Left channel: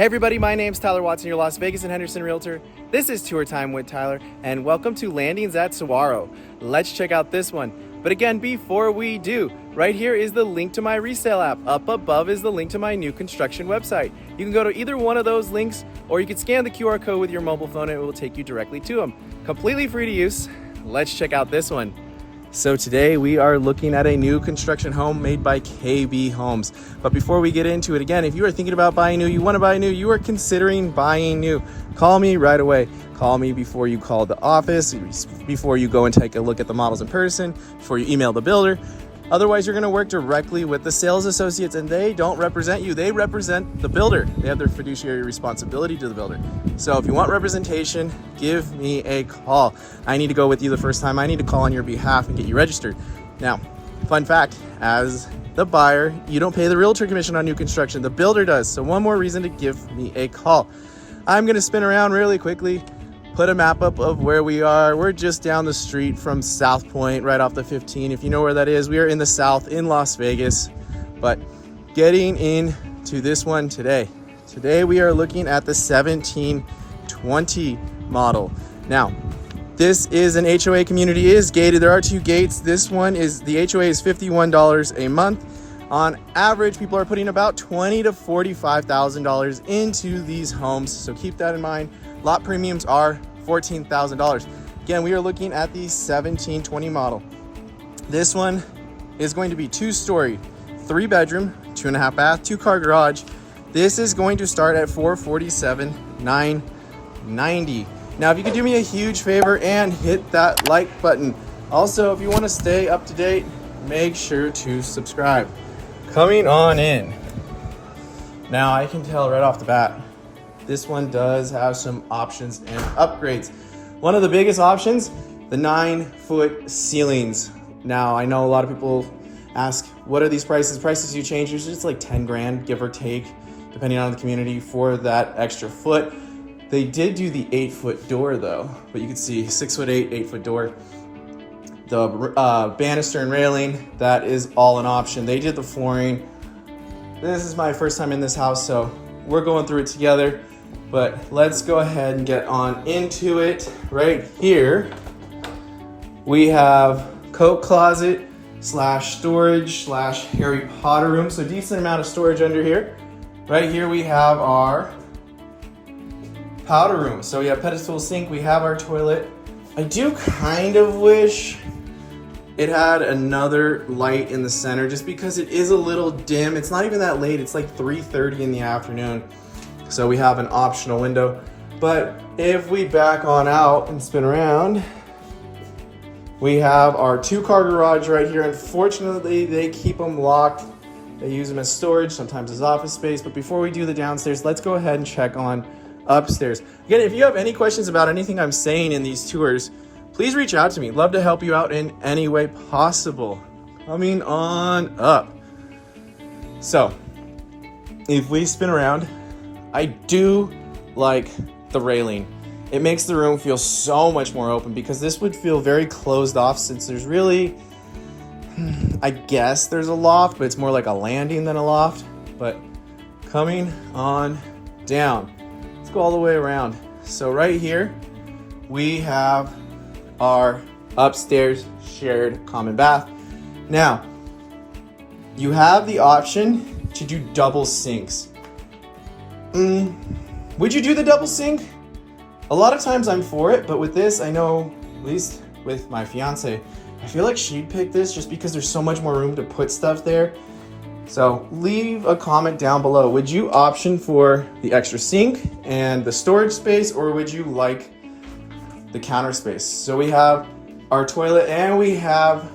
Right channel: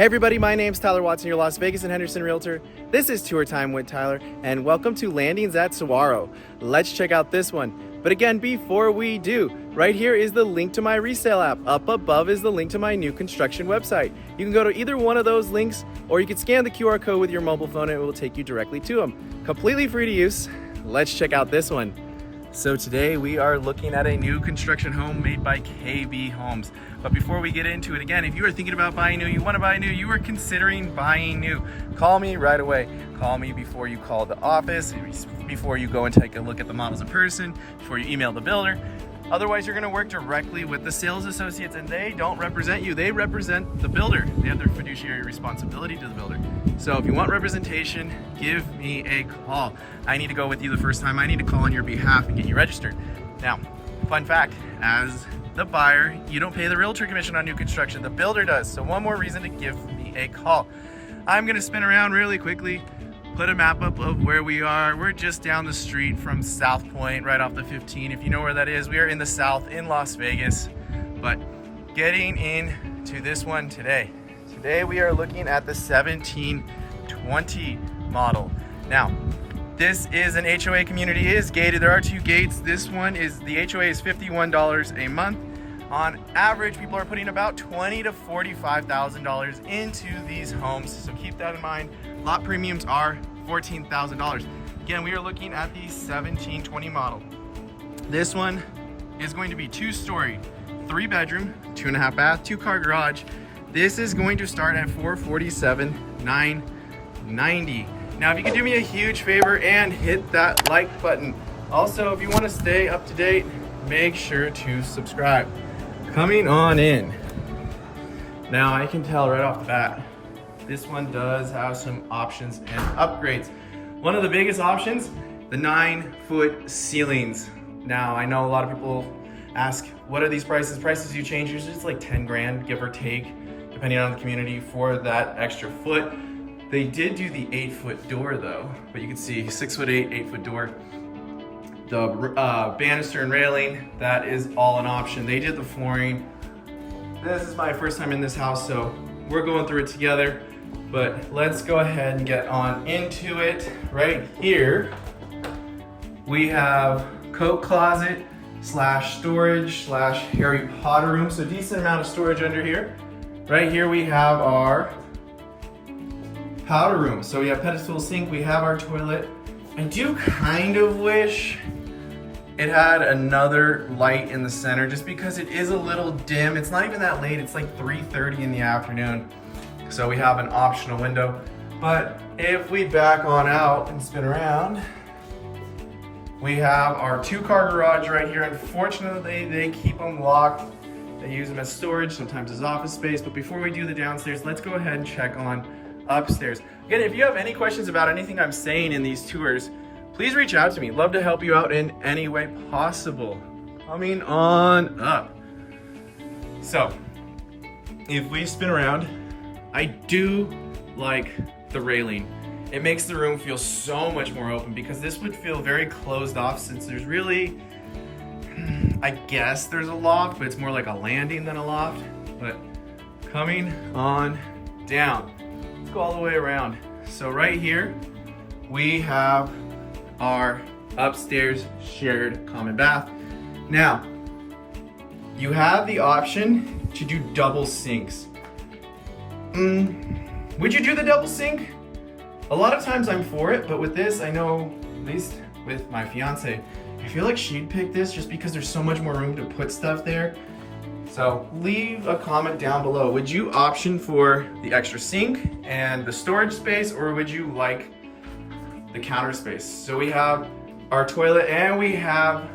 Hey everybody, my name's Tyler Watson, your Las Vegas and Henderson Realtor. This is Tour Time with Tyler, and welcome to Landing As Saguaro. Let's check out this one. But again, before we do, right here is the link to my resale app. Up above is the link to my new construction website. You can go to either one of those links, or you can scan the QR code with your mobile phone and it will take you directly to them. Completely free to use. Let's check out this one. So today we are looking at a new construction home made by KB Homes. But before we get into it, again, if you are thinking about buying new, you want to buy new, you are considering buying new, call me right away. Call me before you call the office, before you go and take a look at the models in person, before you email the builder. Otherwise, you're going to work directly with the sales associates, and they don't represent you. They represent the builder. They have their fiduciary responsibility to the builder. So if you want representation, give me a call. I need to go with you the first time. I need to call on your behalf and get you registered. Now, fun fact, as the buyer, you don't pay the realtor commission on new construction. The builder does. So one more reason to give me a call. I'm going to spin around really quickly, put a map up of where we are. We're just down the street from South Point, right off the 15. If you know where that is, we are in the South in Las Vegas. But getting into this one today. Today we are looking at the 1720 model. Now, this is an HOA community. It is gated. There are two gates. This one is, the HOA is $51 a month. On average, people are putting about $20,000 to $45,000 into these homes. So keep that in mind. Lot premiums are $14,000. Again, we are looking at the 1720 model. This one is going to be 2-story, 3-bedroom, 2.5 bath, 2-car garage. This is going to start at $447,990. Now, if you could do me a huge favor and hit that like button. Also, if you want to stay up to date, make sure to subscribe. Coming on in. Now, I can tell right off the bat, this one does have some options and upgrades. One of the biggest options, the 9-foot ceilings. Now, I know a lot of people ask, what are these prices? Prices you change, it's just like 10 grand, give or take, depending on the community, for that extra foot. They did do the 8-foot door though, but you can see 6'8", 8-foot door. The banister and railing, that is all an option. They did the flooring. This is my first time in this house, so we're going through it together. But let's go ahead and get on into it. Right here, we have coat closet slash storage slash Harry Potter room. So decent amount of storage under here. Right here we have our powder room. So we have pedestal sink, we have our toilet. I do kind of wish it had another light in the center just because it is a little dim. It's not even that late, it's like 3:30 in the afternoon. So we have an optional window. But if we back on out and spin around, we have our 2-car garage right here. Unfortunately, they keep them locked. They use them as storage, sometimes as office space. But before we do the downstairs, let's go ahead and check on upstairs. Again, if you have any questions about anything I'm saying in these tours, please reach out to me. Love to help you out in any way possible. Coming on up. So, if we spin around, I do like the railing. It makes the room feel so much more open because this would feel very closed off since there's really, I guess there's a loft, but it's more like a landing than a loft. But coming on down, let's go all the way around. So right here, we have our upstairs shared common bath. Now, you have the option to do double sinks. Would you do the double sink? A lot of times I'm for it, but with this, I know, at least with my fiance, I feel like she'd pick this just because there's so much more room to put stuff there. So leave a comment down below. Would you option for the extra sink and the storage space, or would you like the counter space? So we have our toilet and we have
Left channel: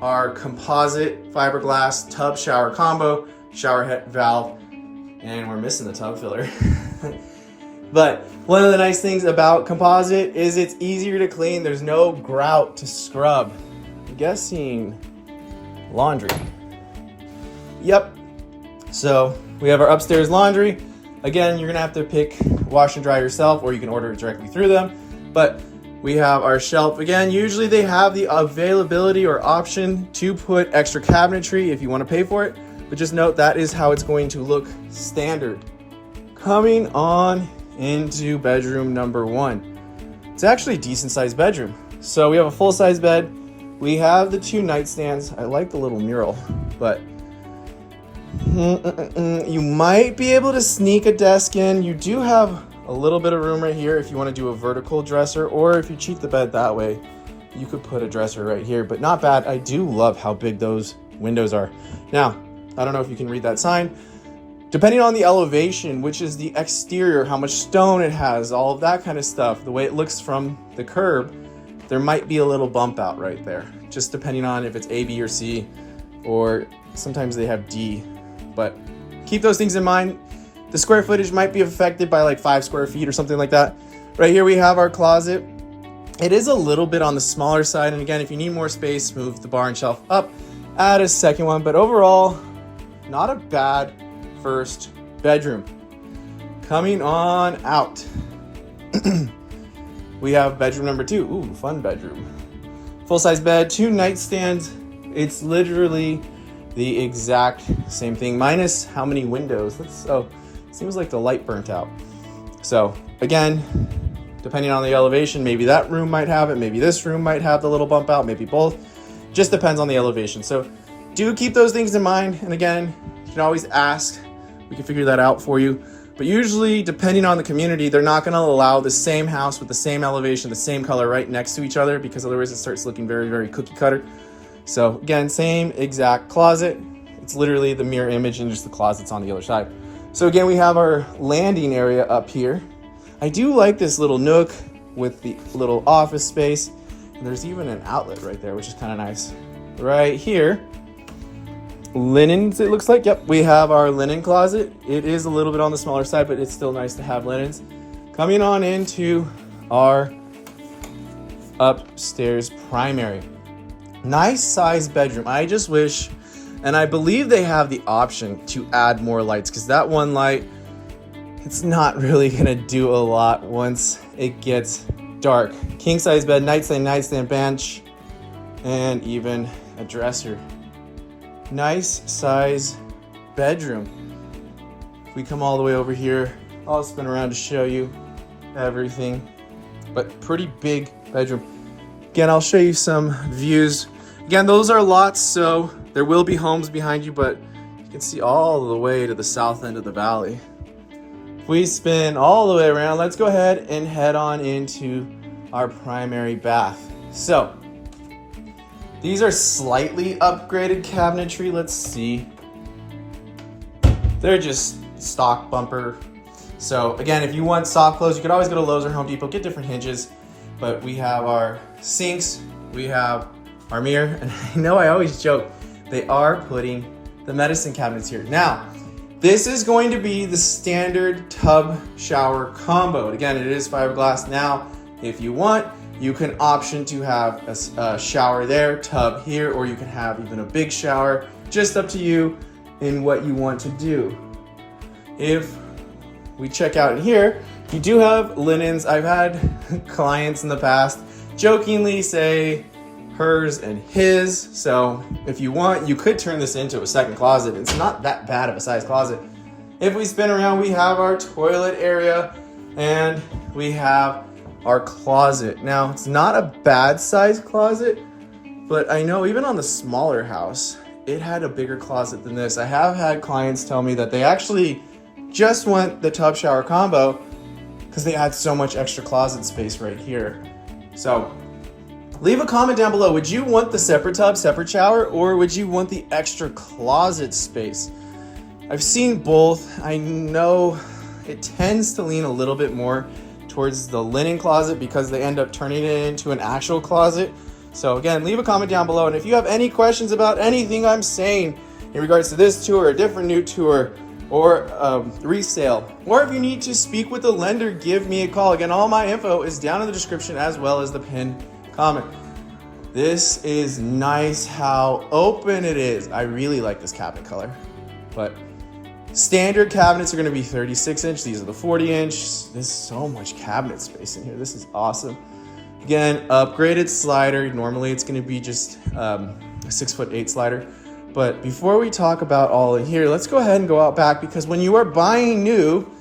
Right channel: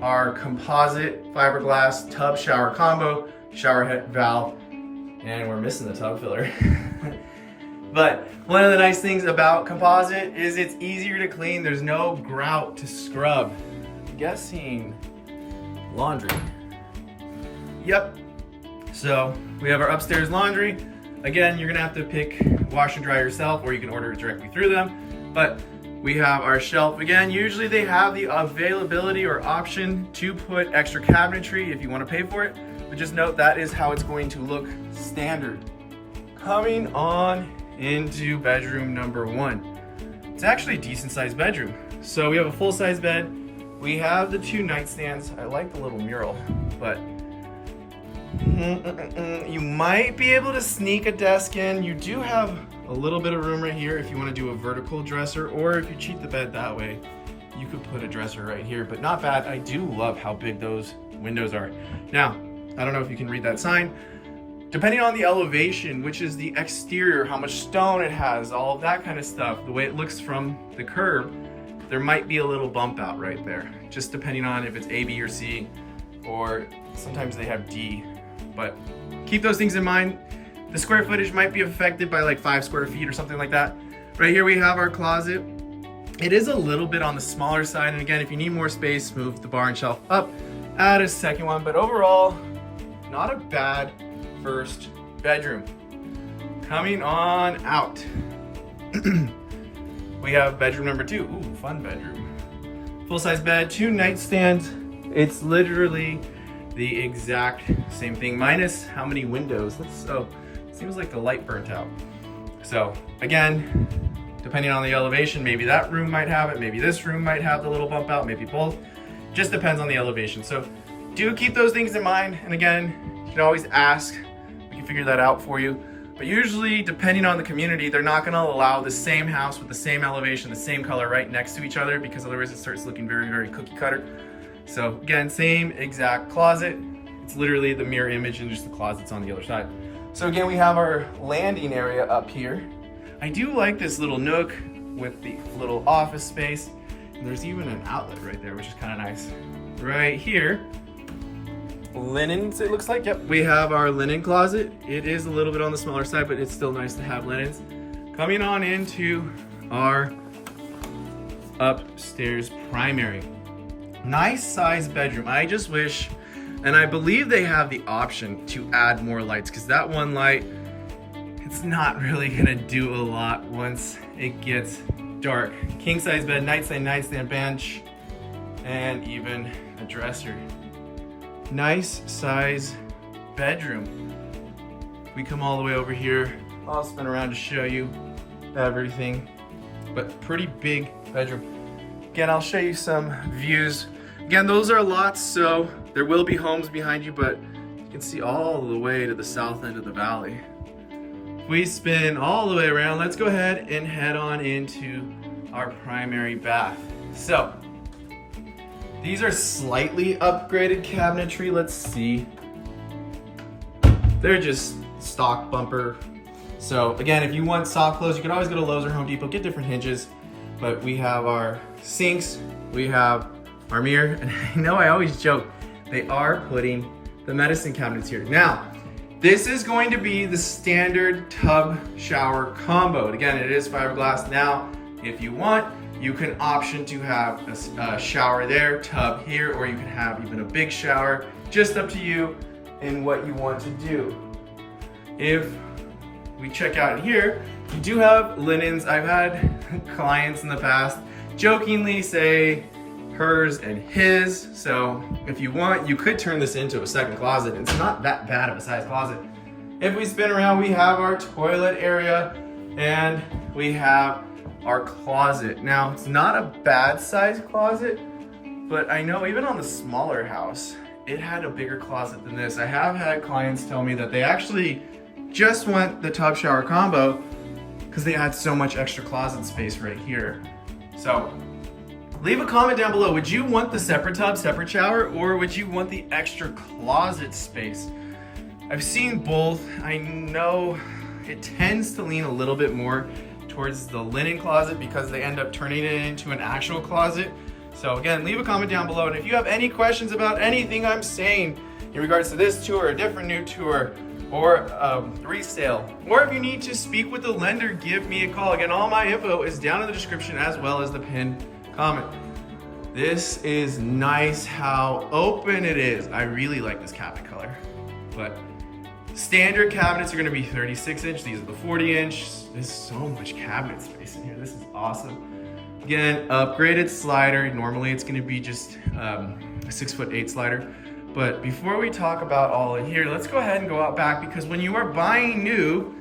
our composite fiberglass tub shower combo, shower head valve, and we're missing the tub filler. But one of the nice things about composite is it's easier to clean. There's no grout to scrub. I'm guessing laundry. Yep. So we have our upstairs laundry. Again, you're gonna have to pick wash and dry yourself, or you can order it directly through them. But we have our shelf. Again, usually they have the availability or option to put extra cabinetry if you want to pay for it. But just note that is how it's going to look standard. Coming on into bedroom number 1. It's actually a decent sized bedroom. So we have a full size bed. We have the 2 nightstands. I like the little mural, but you might be able to sneak a desk in. You do have a little bit of room right here if you want to do a vertical dresser, or if you cheat the bed that way, you could put a dresser right here, but not bad. I do love how big those windows are. Now, I don't know if you can read that sign. Depending on the elevation, which is the exterior, how much stone it has, all of that kind of stuff, the way it looks from the curb, there might be a little bump out right there, just depending on if it's A, B, or C, or sometimes they have D. But keep those things in mind. The square footage might be affected by like 5 square feet or something like that. Right here we have our closet. It is a little bit on the smaller side, and again, if you need more space, move the bar and shelf up, add a second one, but overall, not a bad first bedroom. Coming on out. We have bedroom number 2. Ooh, fun bedroom. Full-size bed, 2 nightstands. It's literally the exact same thing, minus how many windows. Seems like the light burnt out. So again, depending on the elevation, maybe that room might have it, maybe this room might have the little bump out, maybe both. Just depends on the elevation. So do keep those things in mind. And again, you can always ask. We can figure that out for you. But usually, depending on the community, they're not gonna allow the same house with the same elevation, the same color right next to each other, because otherwise it starts looking very, very cookie cutter. So again, same exact closet. It's literally the mirror image and just the closet's on the other side. So again, we have our landing area up here. I do like this little nook with the little office space. And there's even an outlet right there, which is kind of nice. Right here, linens, it looks like. Yep, we have our linen closet. It is a little bit on the smaller side, but it's still nice to have linens. Coming on into our upstairs primary. Nice size bedroom. I just wish, and I believe they have the option to add more lights, because that one light, it's not really gonna do a lot once it gets dark. King size bed, nightstand, bench, and even a dresser. Nice size bedroom. We come all the way over here. I'll spin around to show you everything, but pretty big bedroom. Again, I'll show you some views. Again, those are lots, so there will be homes behind you, but you can see all the way to the south end of the valley. If we spin all the way around, let's go ahead and head on into our primary bath. So, these are slightly upgraded cabinetry. Let's see. They're just stock bumper. So again, if you want soft close, you can always go to Lowe's or Home Depot, get different hinges. But we have our sinks, we have our mirror, and I know I always joke, they are putting the medicine cabinets here. Now, this is going to be the standard tub shower combo. And again, it is fiberglass. Now, if you want, you can option to have a shower there, tub here, or you can have even a big shower. Just up to you in what you want to do. If we check out in here, you do have linens. I've had clients in the past jokingly say hers and his. So if you want, you could turn this into a second closet. It's not that bad of a size closet. If we spin around, we have our toilet area and we have our closet. Now, it's not a bad size closet, but I know even on the smaller house, it had a bigger closet than this. I have had clients tell me that they actually just want the tub shower combo because they had so much extra closet space right here. So leave a comment down below. Would you want the separate tub, separate shower, or would you want the extra closet space? I've seen both. I know it tends to lean a little bit more towards the linen closet because they end up turning it into an actual closet. So again, leave a comment down below. And if you have any questions about anything I'm saying in regards to this tour, a different new tour, or resale, or if you need to speak with the lender, give me a call. Again, all my info is down in the description as well as the pinned comment. This is nice how open it is. I really like this cabinet color, but standard cabinets are going to be 36 inch. These are the 40 inch. There's so much cabinet space in here. This is awesome. Again, upgraded slider. Normally it's going to be just a 6'8" slider. But before we talk about all in here, let's go ahead and go out back, because when you are buying new,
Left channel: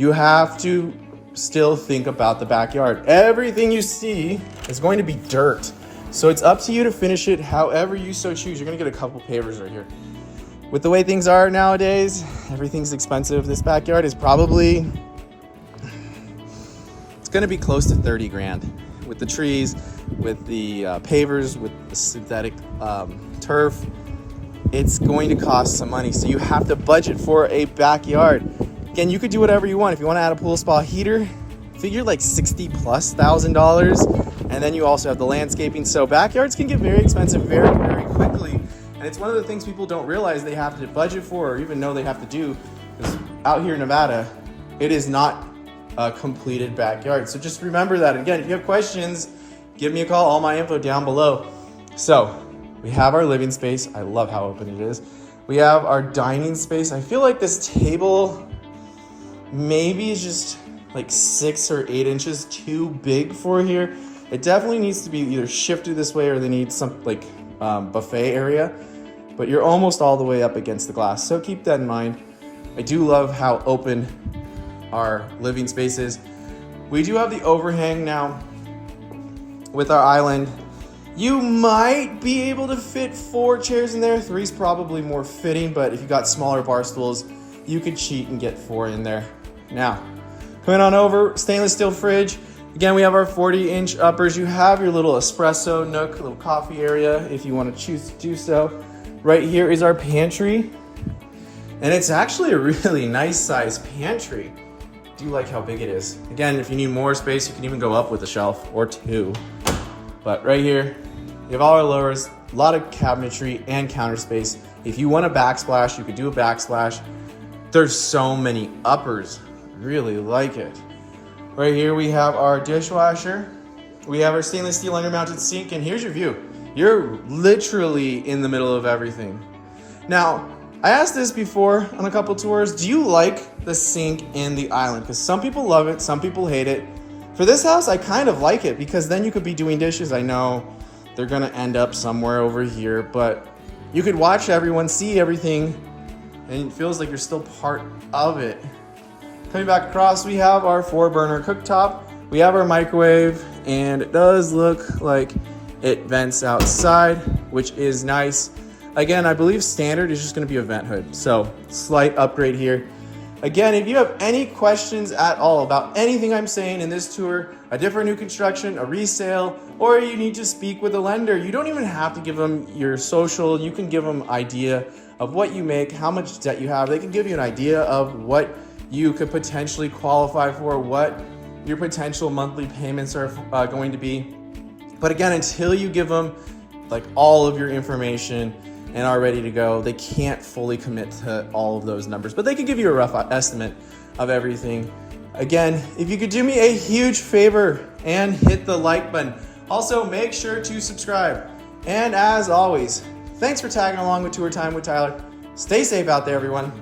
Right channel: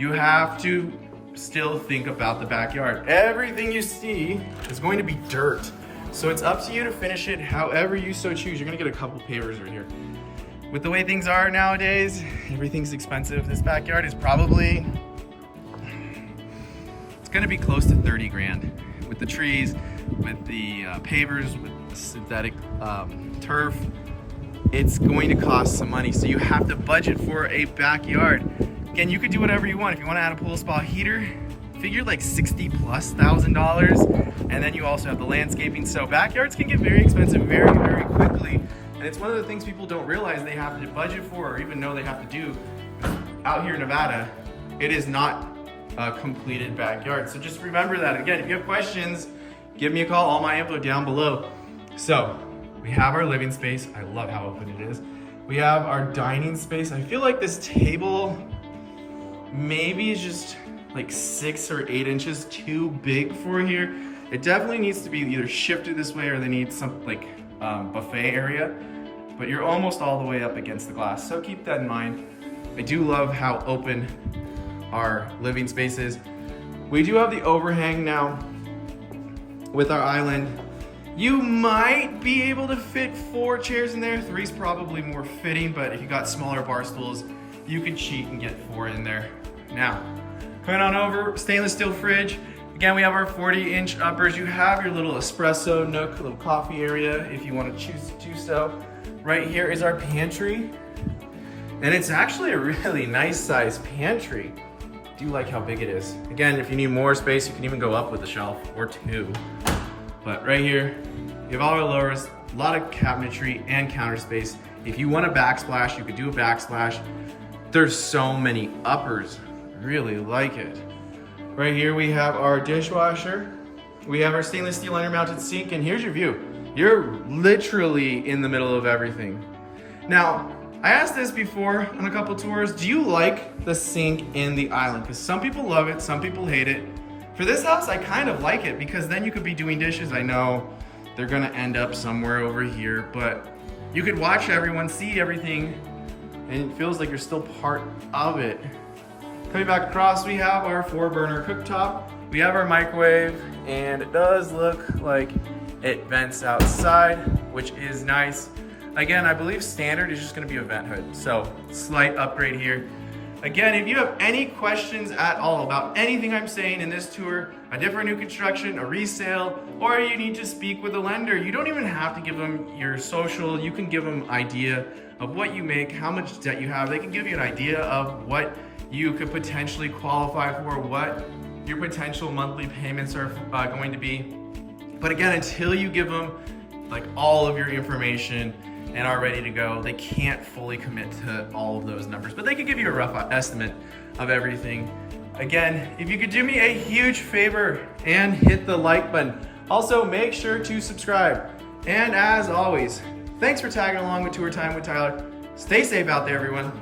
you have to still think about the backyard. Everything you see is going to be dirt. So it's up to you to finish it however you so choose. You're gonna get a couple pavers right here. With the way things are nowadays, everything's expensive. This backyard is probably, it's gonna be close to 30 grand. With the trees, with the pavers, with the synthetic turf, it's going to cost some money. So you have to budget for a backyard. Again, you could do whatever you want. If you want to add a pool spa heater, figure like $60,000+. And then you also have the landscaping. So backyards can get very expensive very, very quickly. And it's one of the things people don't realize they have to budget for or even know they have to do. Because out here in Nevada, it is not a completed backyard. So just remember that. Again, if you have questions, give me a call. All my info down below. So we have our living space. I love how open it is. We have our dining space. I feel like this table maybe is just like 6 or 8 inches too big for here. It definitely needs to be either shifted this way or they need some like buffet area, but you're almost all the way up against the glass. So keep that in mind. I do love how open our living space is. We do have the overhang now with our island. You might be able to fit 4 chairs in there. 3's probably more fitting, but if you got smaller bar stools, you could cheat and get 4 in there. Now, coming on over, stainless steel fridge. Again, we have our 40-inch uppers. You have your little espresso nook, little coffee area if you want to choose to do so. Right here is our pantry. And it's actually a really nice sized pantry. I do like how big it is. Again, if you need more space, you can even go up with a shelf or 2. But right here, you have all our lowers, a lot of cabinetry and counter space. If you want a backsplash, you could do a backsplash. There's so many uppers. Really like it. Right here we have our dishwasher. We have our stainless steel undermounted sink, and here's your view. You're literally in the middle of everything. Now, I asked this before on a couple tours. Do you like the sink in the island? Because some people love it, some people hate it. For this house, I kind of like it because then you could be doing dishes. I know they're gonna end up somewhere over here, but you could watch everyone, see everything, and it feels like you're still part of it. Coming back across, we have our 4-burner cooktop. We have our microwave, and it does look like it vents outside, which is nice. Again, I believe standard is just gonna be a vent hood, so slight upgrade here. Again, if you have any questions at all about anything I'm saying in this tour, a different new construction, a resale, or you need to speak with a lender, you don't even have to give them your social. You can give them idea of what you make, how much debt you have. They can give you an idea of what you could potentially qualify for, what your potential monthly payments are going to be. But again, until you give them like all of your information and are ready to go, they can't fully commit to all of those numbers, but they can give you a rough estimate of everything. Again, if you could do me a huge favor and hit the like button. Also, make sure to subscribe. And as always, thanks for tagging along with Tour Time with Tyler. Stay safe out there, everyone.